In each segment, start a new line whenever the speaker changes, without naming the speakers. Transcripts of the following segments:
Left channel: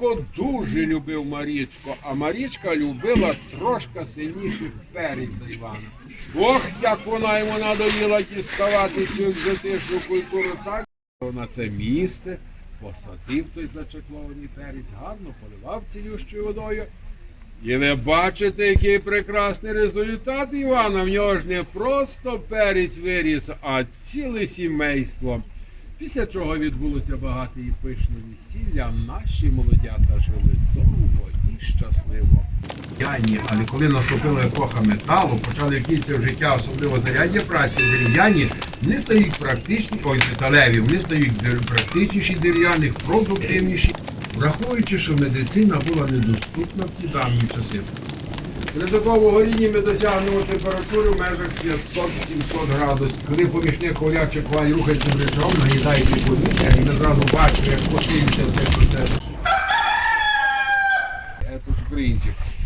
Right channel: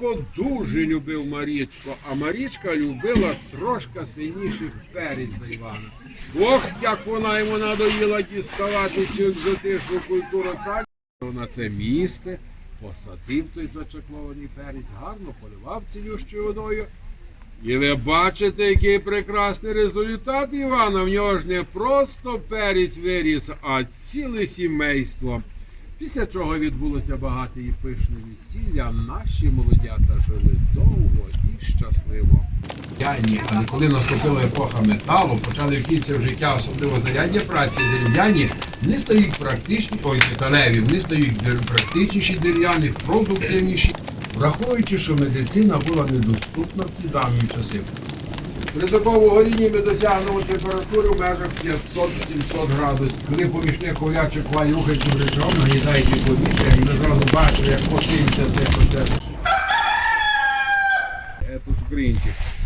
Іванко дуже любив Марічку, а Марічка любила трошки сильніший перець за Івана. Ох, як вона йому надоїла діставати цю екзотичну культуру, так на це місце посадив той зачеклований перець, гарно поливав цілющою водою. І ви бачите, який прекрасний результат Івана. В нього ж не просто перець виріс, а ціле сімейство. Після чого відбулося багате і пишне весілля, наші молодята жили довго і щасливо. Дерев'яні, але коли наступила епоха металу, почали втіться в життя, особливо зарядні праці дерев'яні, вони стають практичні, ой, металеві, вони стають практичніші дерев'яних, продуктивніші, враховуючи, що медицина була недоступна в ті давні часи. При горінні ми досягнемо температури в межах 500-700 градусів. Коли помічник ковлячих хваль рухається речом, наїдають від повітря, і ми зразу бачимо, як посилюється цей процес. Тут.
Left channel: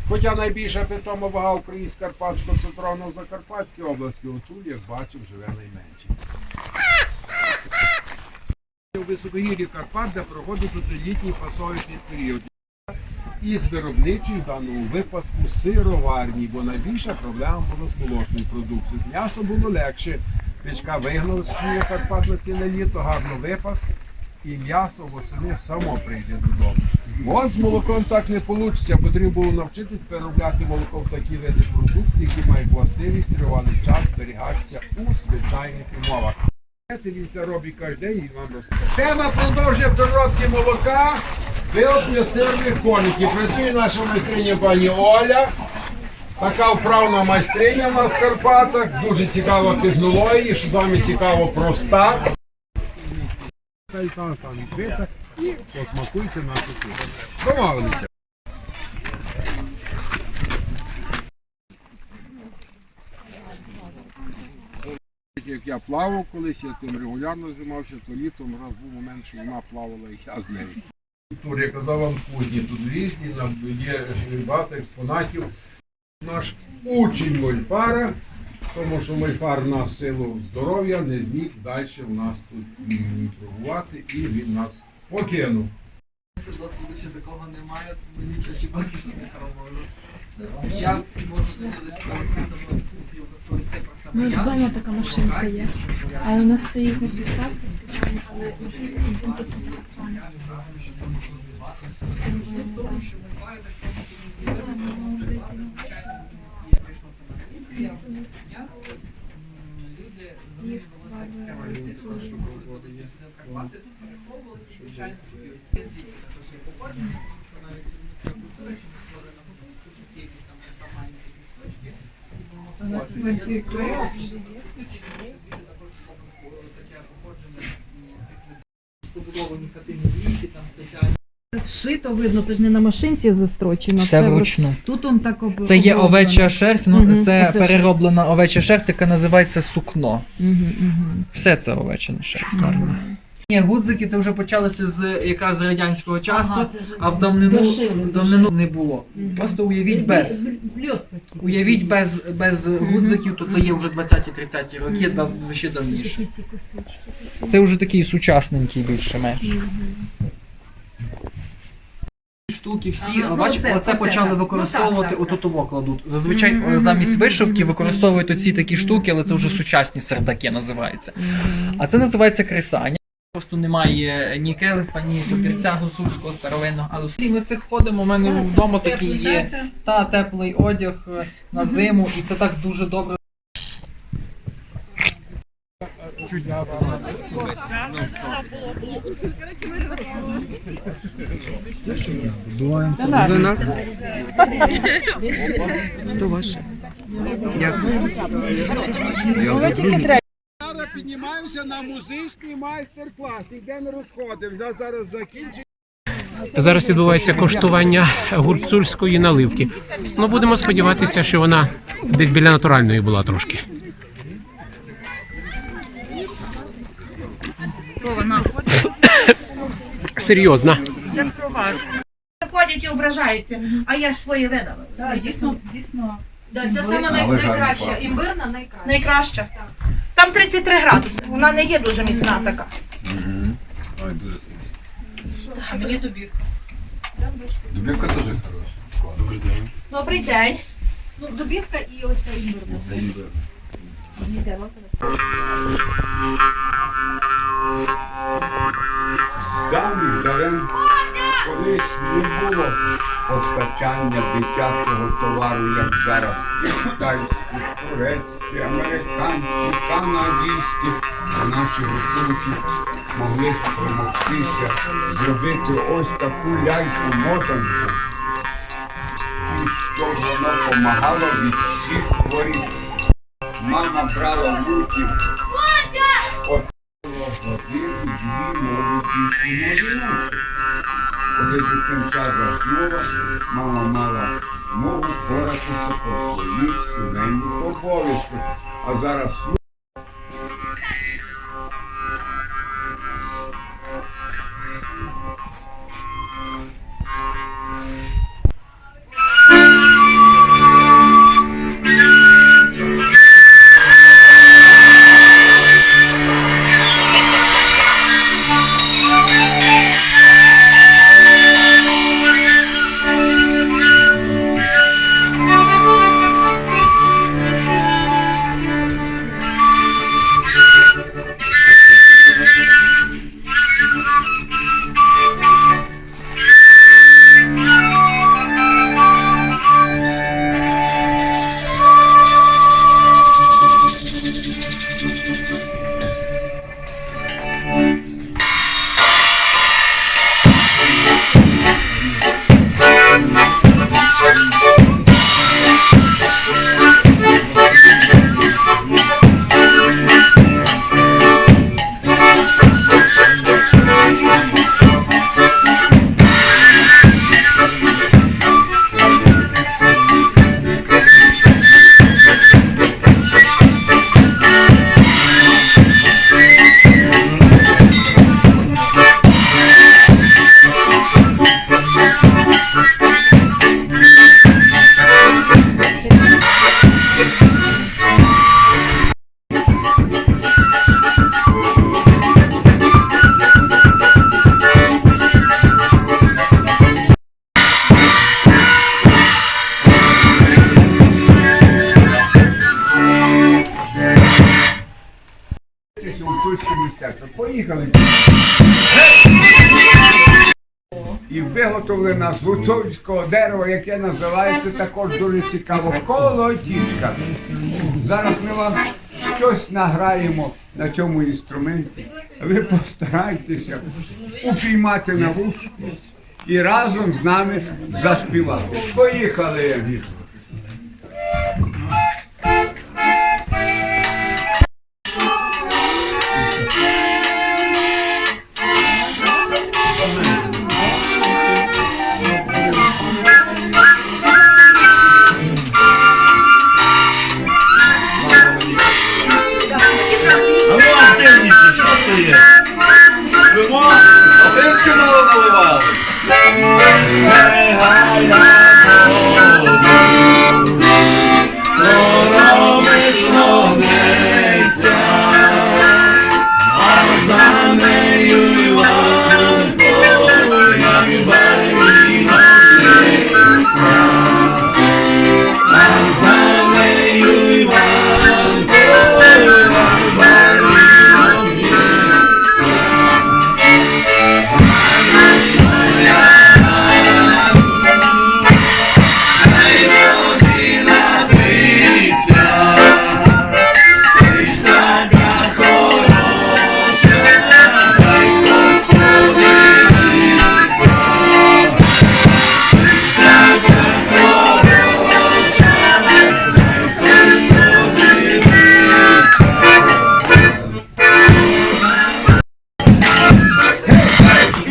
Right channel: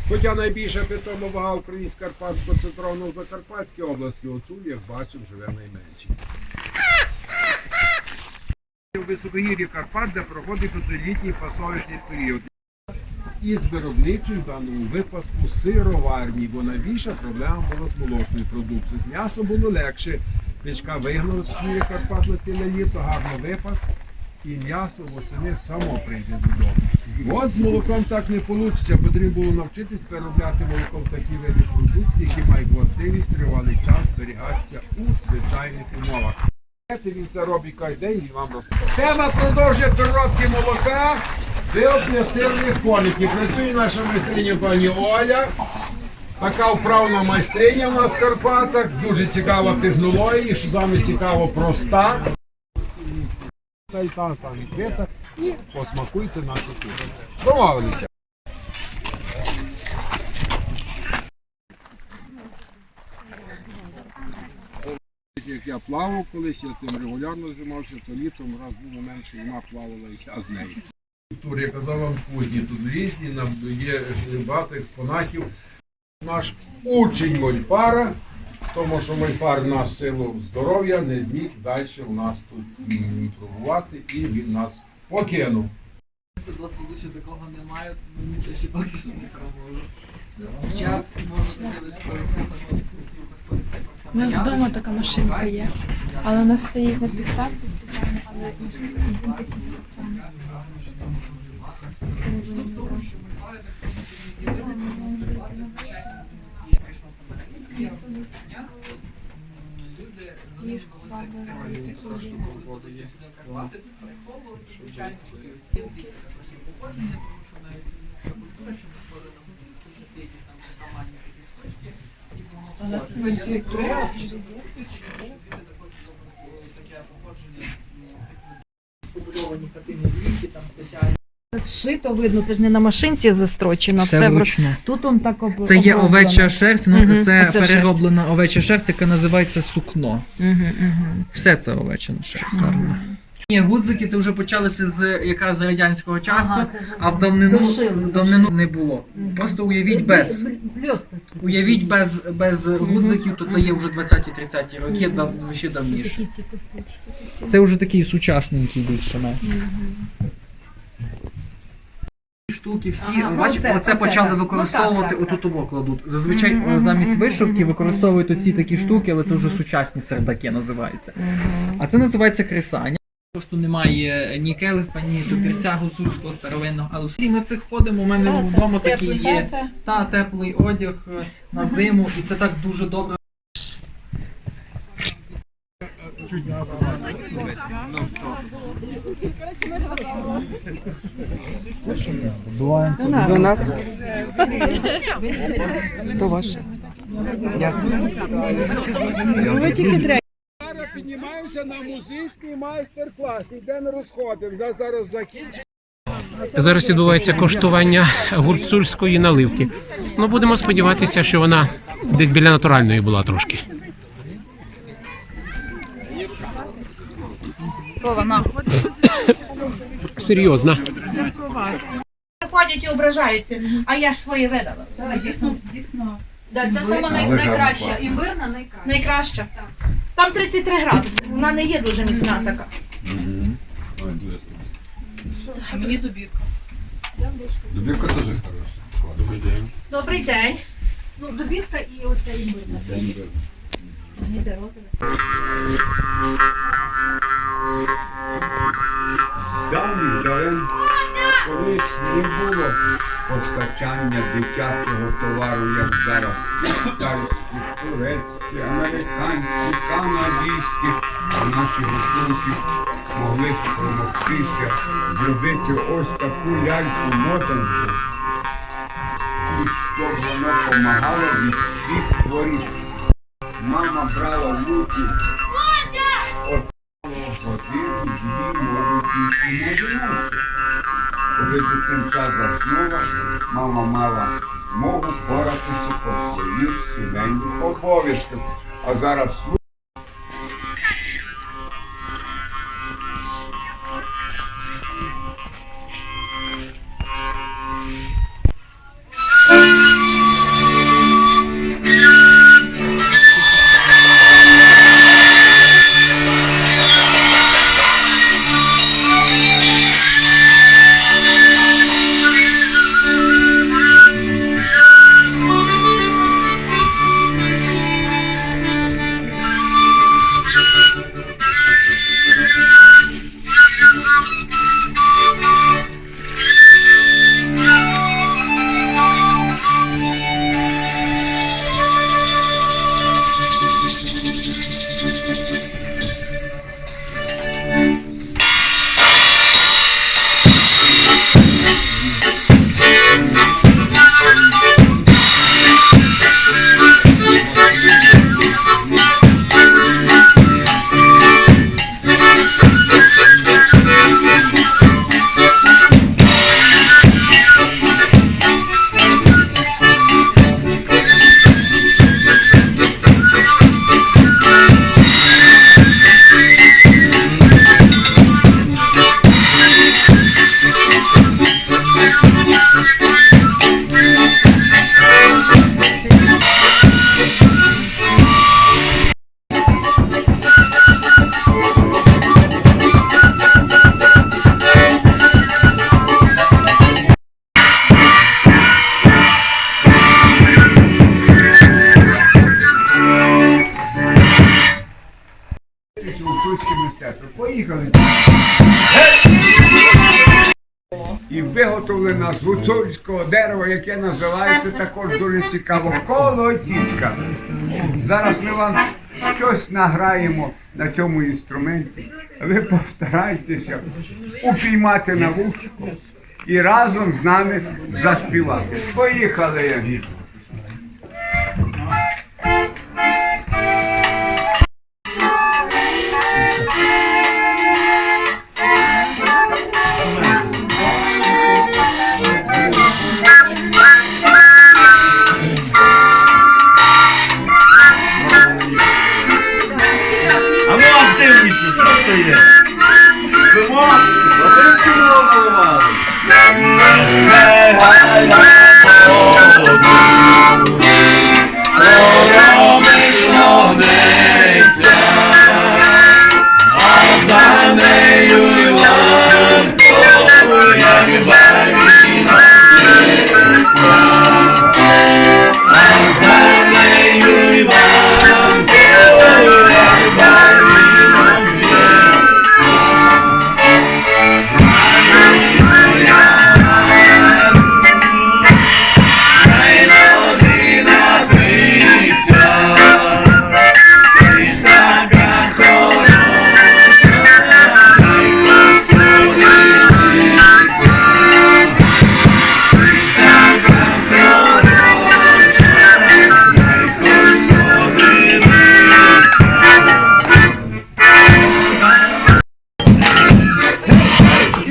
Хоча найбільша питома вага українськ Карпатського центрального в Закарпатській області, отут, як бачив, живе найменше. У високогір'ї Карпат, де проходить літній пасовичний період із виробничих в даному випадку сироварні, бо найбільша проблема була з молочною продукцією. З м'ясом було легше. Пічка вигнала з Карпат на ціле літо, гарно випас, і м'ясо восени само прийде додому. От з молоком так не вийде. Потрібно було навчитись переробляти молоко в такі види продукції, які мають властивість тривалий час зберігатися у звичайних умовах. Він це робить кожен день і вам розкаже. Тема продовжує переробки молока. Виопня сирних коників. Працює наша майстриня пані Оля. Така вправна майстриня в нас в Карпатах. Дуже цікава технологія, що саме цікаво проста. І посмакуйте нашу кухню. Домовилися. Як я плавав колись, я тим регулярно займався, то літом раз був момент, що вона плавала і я з нею. Тур, я казав вам кузні, тут різні, нам є багато експонатів. Наш учень Мольфара, тому що Мольфар в нас силу здоров'я не зміг далі у нас тут м, торгувати і він нас покинув.
Досвіду ще такого немає, тому нічого ще поки що не пробували. Як можна ділити провести саму екскурсію без повістей
У нас вдома така машинка є, але вона стоїть на підставці спеціально, але машинка ідентична така сама.
Люди залишилися прямо сюди в Карпати, тут виховувалися, звичайно, звідти також є походження, тому що навіть людська культура, що не створена гуцульську, щось є якісь там притаманні такі штучки, і воно схоже. Я думаю, що звідти також було таке походження м, цих людей. Побудовані хатини в лісі, там спеціальні.
Зшито видно, це ж не на машинці застрочено.
Все
вру-
вручну.
Тут он так об...
Це є
оброблено.
овеча шерсть, ну
Мгм,
це
це
перероблена овеча шерсть, яка називається сукно.
Мгм, мгм.
Все це овеча шерсть. Ні, гудзики це вже почалися з якраз з радянського часу,
Ага, це вже
а в давнину,
дошили,
в давнину не було.
Мгм.
Просто уявіть без.
Бл-
Уявіть без, без гудзиків, то це є вже 20-30 роки,
Мгм.
дав, ще давніше.
Такі ці косички.
Це вже такий сучасненький більше-менш.
Мгм.
Штуки всі,
Ага, ну,
бачите,
оце-
оце
оце
почали
так.
використовувати,
Ну, так, так,
отут ово кладуть. Зазвичай
Мгм,
е, замість
мгм,
вишивки
мгм,
використовують оці такі
мгм,
штуки, але це вже
мгм.
сучасні сердаки називаються.
Мгм.
А це називається кресання. Просто немає ні келиха, ні топірця гусульського старовинного, але всі ми цих ходимо. У мене вдома такий є та теплий одяг е, на зиму, і це так дуже добре.
До нас. То ваше. Дякую.
Зараз піднімаємося на музичний майстер-клас. Ніде не розходимо. Вже зараз закінчимо.
Зараз відбувається коштування гурцульської наливки. Ну, будемо сподіватися, що вона десь біля натуральної була трошки. Серйозно.
Ходять і ображаються, а я ж своє видала.
Дійсно, дійсно. Да, це саме най- найкраща. Імбирна найкраща.
Найкраща. Там 33 градуси. Вона не є дуже міцна така.
А мені добівка.
Дубівка теж хороша. Добрий день.
Добрий день.
Ну, добірка і оце імбир.
Це ніби.
Йдемо зараз.
Було постачання дитячого товару, як зараз. Китайські, турецькі, американські, канадські. А наші гуртунки могли спромогтися зробити ось таку ляльку мотанку. І що воно допомагало від всіх хворіб. Мама брала руки годину, дві, може, більше, може. Коли дитинця заснула, мама мала змогу поратися по своїх сімейних обов'язках. А зараз Поїхали. І виготовлена з гуцульського дерева, яке називається також дуже цікаво колотічка. Зараз ми вам щось награємо на цьому інструменті. Ви постарайтеся упіймати на вушко і разом з нами заспівати. Поїхали!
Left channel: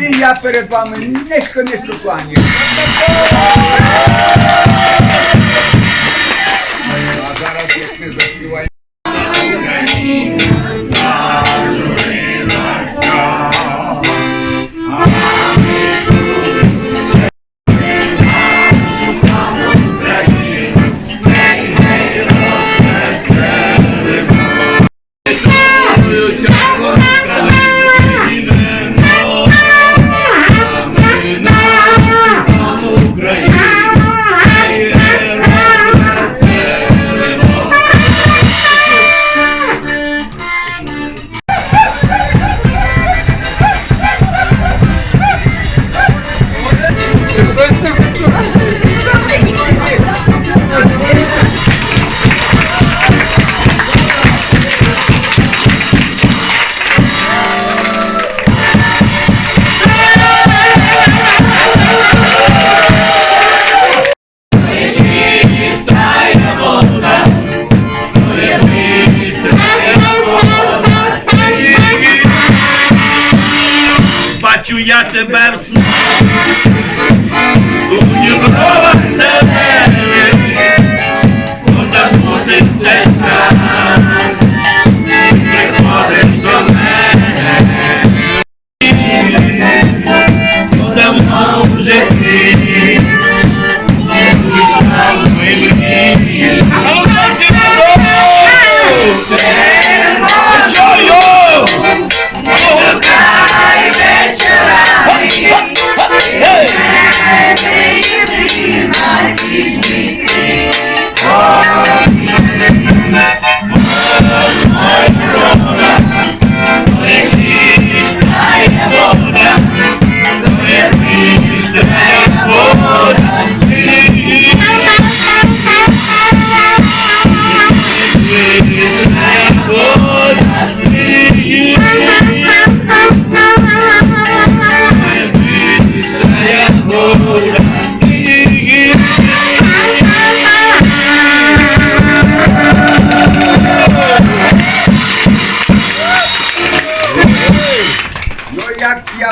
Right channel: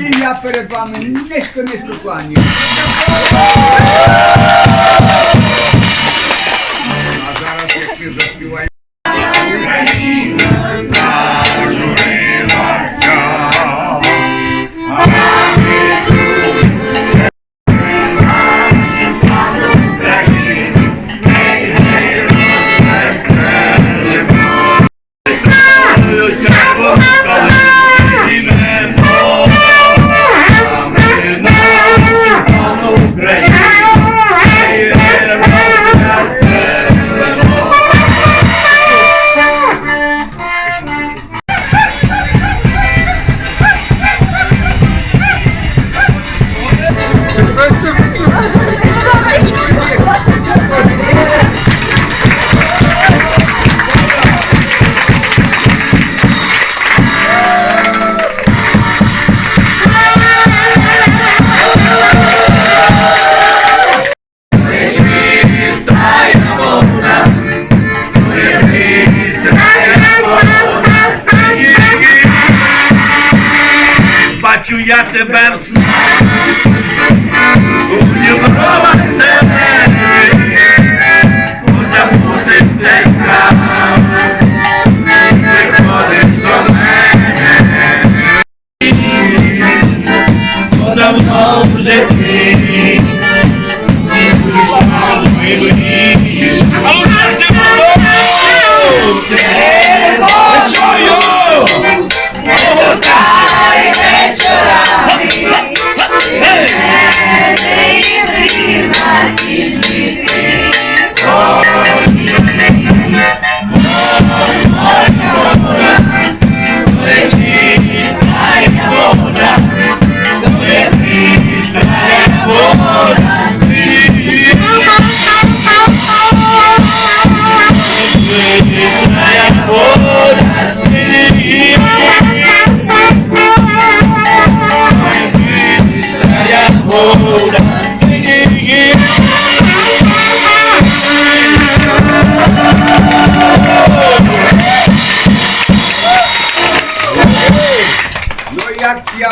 І я перед вами низько низько кланяюсь.
Я тебе в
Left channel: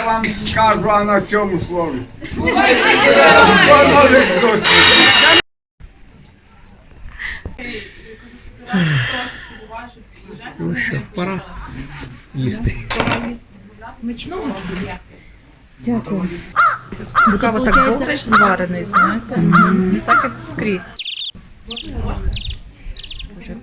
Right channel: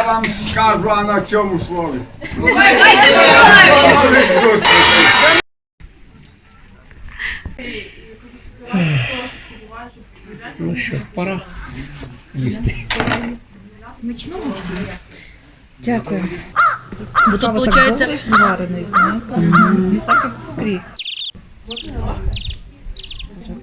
вам скажу, а на цьому слові.
Ну що, пора їсти.
Смачного всім. Дякую. Тут, виходить, зварений, знаєте? Так як скрізь. Боже,